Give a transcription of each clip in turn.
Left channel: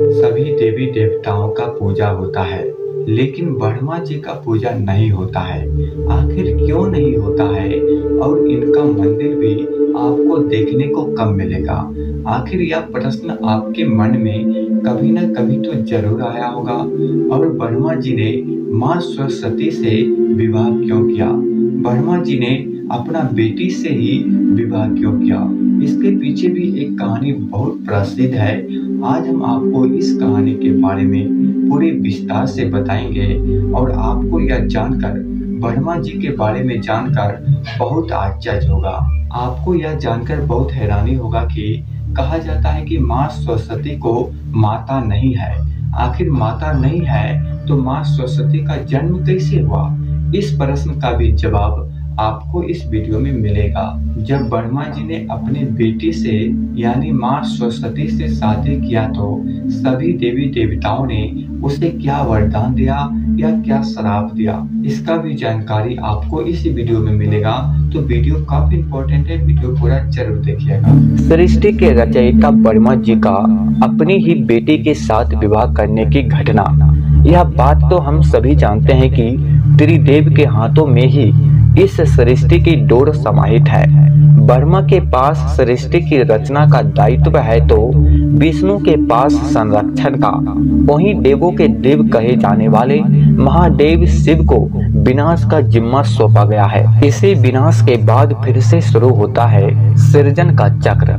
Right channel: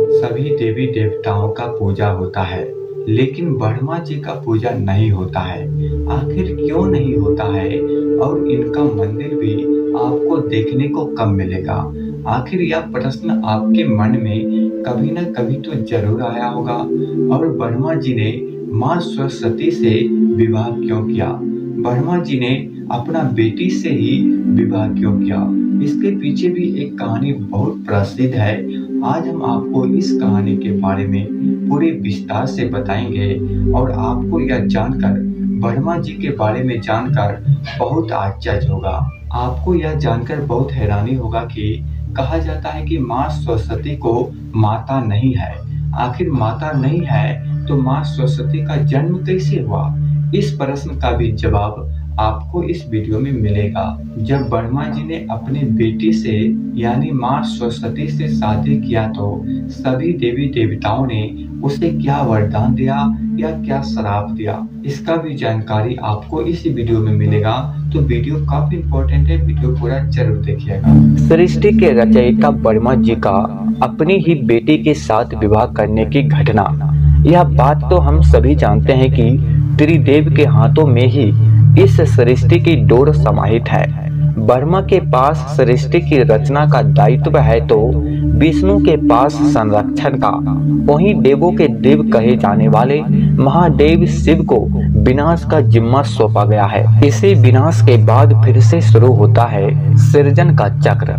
सभी देवी देवताओं का पूजा होता है, लेकिन ब्रह्मा जी का पूजा नहीं होता है। आखिर क्यों नहीं होता है और इनका मंदिर भी आपको देखने को कब मिलेगा? आखिर यह प्रश्न आपके मन में कभी न कभी तो जरूर आया होगा। और ब्रह्मा जी ने माँ सरस्वती से विवाह क्यों किया? ब्रह्मा जी ने अपना बेटी से ही विवाह क्यों किया? इसके पीछे भी एक कहानी बहुत प्रसिद्ध है। आज हम आपको इस कहानी के बारे में पूरे विस्तार से बताएंगे और आपको यह जानकर ब्रह्मा जी के बारे में जानकर बहुत आश्चर्य होगा। आपको यह जानकर बहुत हैरानी होगा कि कहा जाता है कि माँ सरस्वती को माता नहीं है। आखिर माता नहीं है तो माँ सरस्वती का जन्म कैसे हुआ? इस प्रश्न का भी जवाब आपको इस वीडियो में मिलेगा। जब ब्रह्मा जी ने अपने बेटी से यानी माँ सरस्वती से शादी किया तो सभी देवी देवताओं ने उसे क्या वरदान दिया या क्या श्राप दिया, इसका भी जानकारी आपको इस वीडियो में मिलेगा। तो वीडियो काफी इम्पोर्टेंट है, वीडियो पूरा जरूर देखिएगा। सृष्टि के रचयिता ब्रह्मा जी का अपनी ही बेटी के साथ विवाह करने की घटना, यह बात तो हम सभी जानते हैं कि त्रिदेव के हाथों में ही इस सृष्टि की डोर समाहित है। ब्रह्मा के पास सृष्टि की रचना का दायित्व है तो विष्णु के पास संरक्षण का। वहीं देवों के देव कहे जाने वाले महादेव शिव को विनाश का जिम्मा सौंपा गया है। इसी विनाश के बाद फिर से शुरू होता है सृजन का चक्र।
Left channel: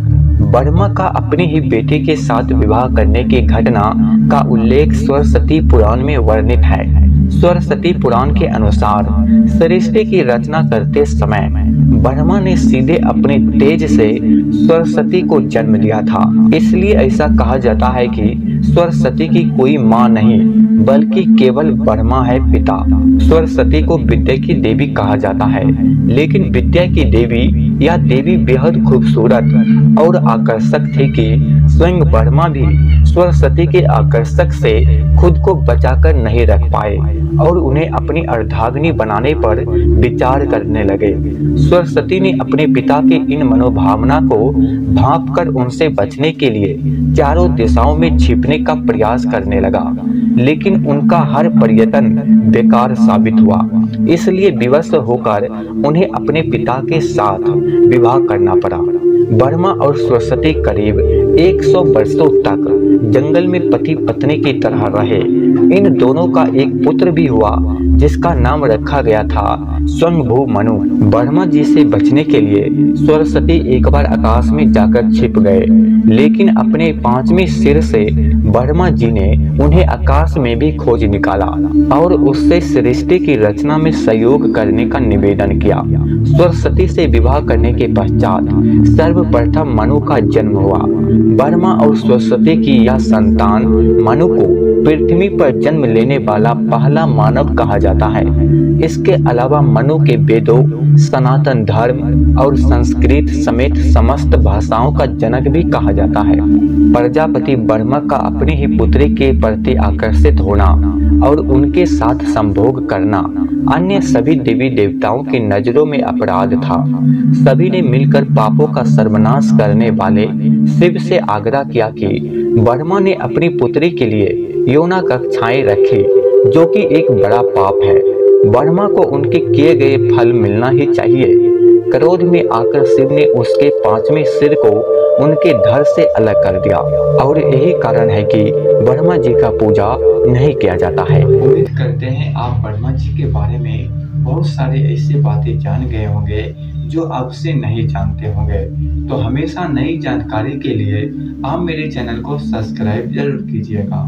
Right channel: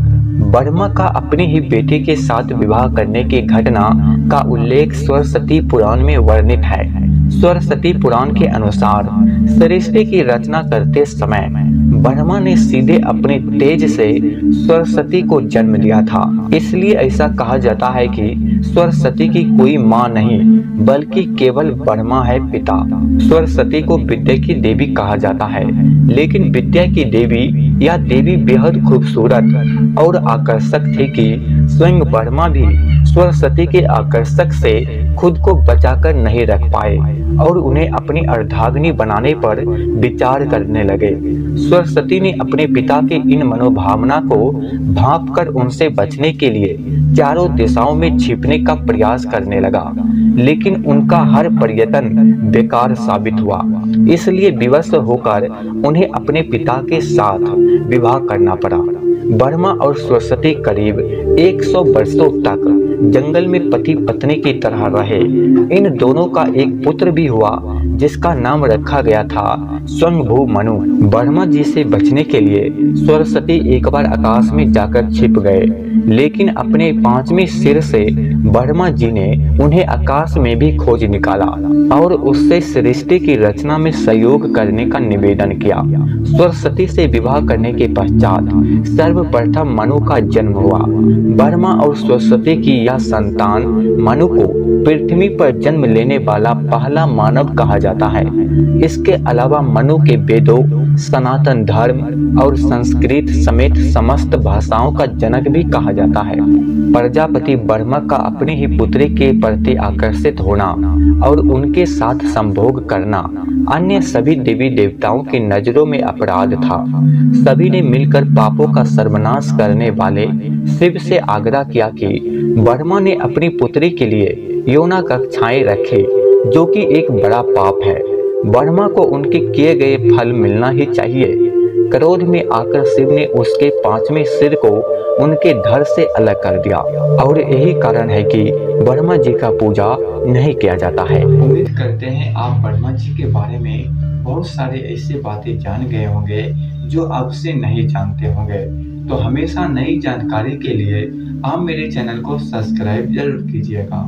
ब्रह्मा का अपनी ही बेटी के साथ विवाह करने की घटना का उल्लेख सरस्वती पुराण में वर्णित है। सरस्वती पुराण के अनुसार सृष्टि की रचना करते समय ब्रह्मा ने सीधे अपने तेज से सरस्वती को जन्म दिया था। इसलिए ऐसा कहा जाता है कि सरस्वती की कोई माँ नहीं बल्कि केवल ब्रह्मा है पिता। सरस्वती को विद्या की देवी कहा जाता है, लेकिन विद्या की देवी यह देवी बेहद खूबसूरत और आकर्षक थी कि स्वयं ब्रह्मा भी सरस्वती के आकर्षक से खुद को बचाकर नहीं रख पाए और उन्हें अपनी अर्धांगिनी बनाने पर विचार करने लगे। सरस्वती ने अपने पिता के इन मनोभावना को भांपकर उनसे बचने के लिए चारों दिशाओं में छिपने का प्रयास करने लगा, लेकिन उनका हर प्रयत्न बेकार साबित हुआ। इसलिए विवश होकर उन्हें अपने पिता के साथ विवाह करना पड़ा। ब्रह्मा और सरस्वती करीब 100 वर्षों तक जंगल में पति पत्नी की तरह रहे। इन दोनों का एक पुत्र भी हुआ जिसका नाम रखा गया था स्वयंभू मनु। ब्रह्मा जी से बचने के लिए सरस्वती एक बार आकाश में जाकर छिप गए, लेकिन अपने 5वें सिर से ब्रह्मा जी ने उन्हें आकाश में भी खोज निकाला और उससे सृष्टि की रचना में सहयोग करने का निवेदन किया। सरस्वती से विवाह करने के पश्चात सर्वप्रथम मनु का जन्म हुआ। ब्रह्मा और सरस्वती की यह संतान मनु को पृथ्वी पर जन्म लेने वाला पहला मानव कहा जाता है। इसके अलावा मनु के वेदों, सनातन धर्म और संस्कृत समेत समस्त भाषाओं का जनक भी कहा जाता है। प्रजापति ब्रह्मा का अपनी ही पुत्री के प्रति आकर्षित होना और उनके साथ संभोग करना अन्य सभी देवी देवताओं की नजरों में अपराध था। सभी ने मिलकर पापों का सर्वनाश करने वाले शिव से आग्रह किया कि ब्रह्मा ने अपनी पुत्री के लिए यौना कक्षाएं रखी, जो कि एक बड़ा पाप है। ब्रह्मा को उनके किए गए फल मिलना ही चाहिए। क्रोध में आकर शिव ने उसके 5वें सिर को उनके धड़ से अलग कर दिया और यही कारण है कि ब्रह्मा जी का पूजा नहीं किया जाता है। उम्मीद करते हैं आप ब्रह्मा जी के बारे में बहुत सारे ऐसी बातें जान गए होंगे जो अब से नहीं जानते होंगे। तो हमेशा नई जानकारी के लिए आप मेरे चैनल को सब्सक्राइब जरूर कीजिएगा।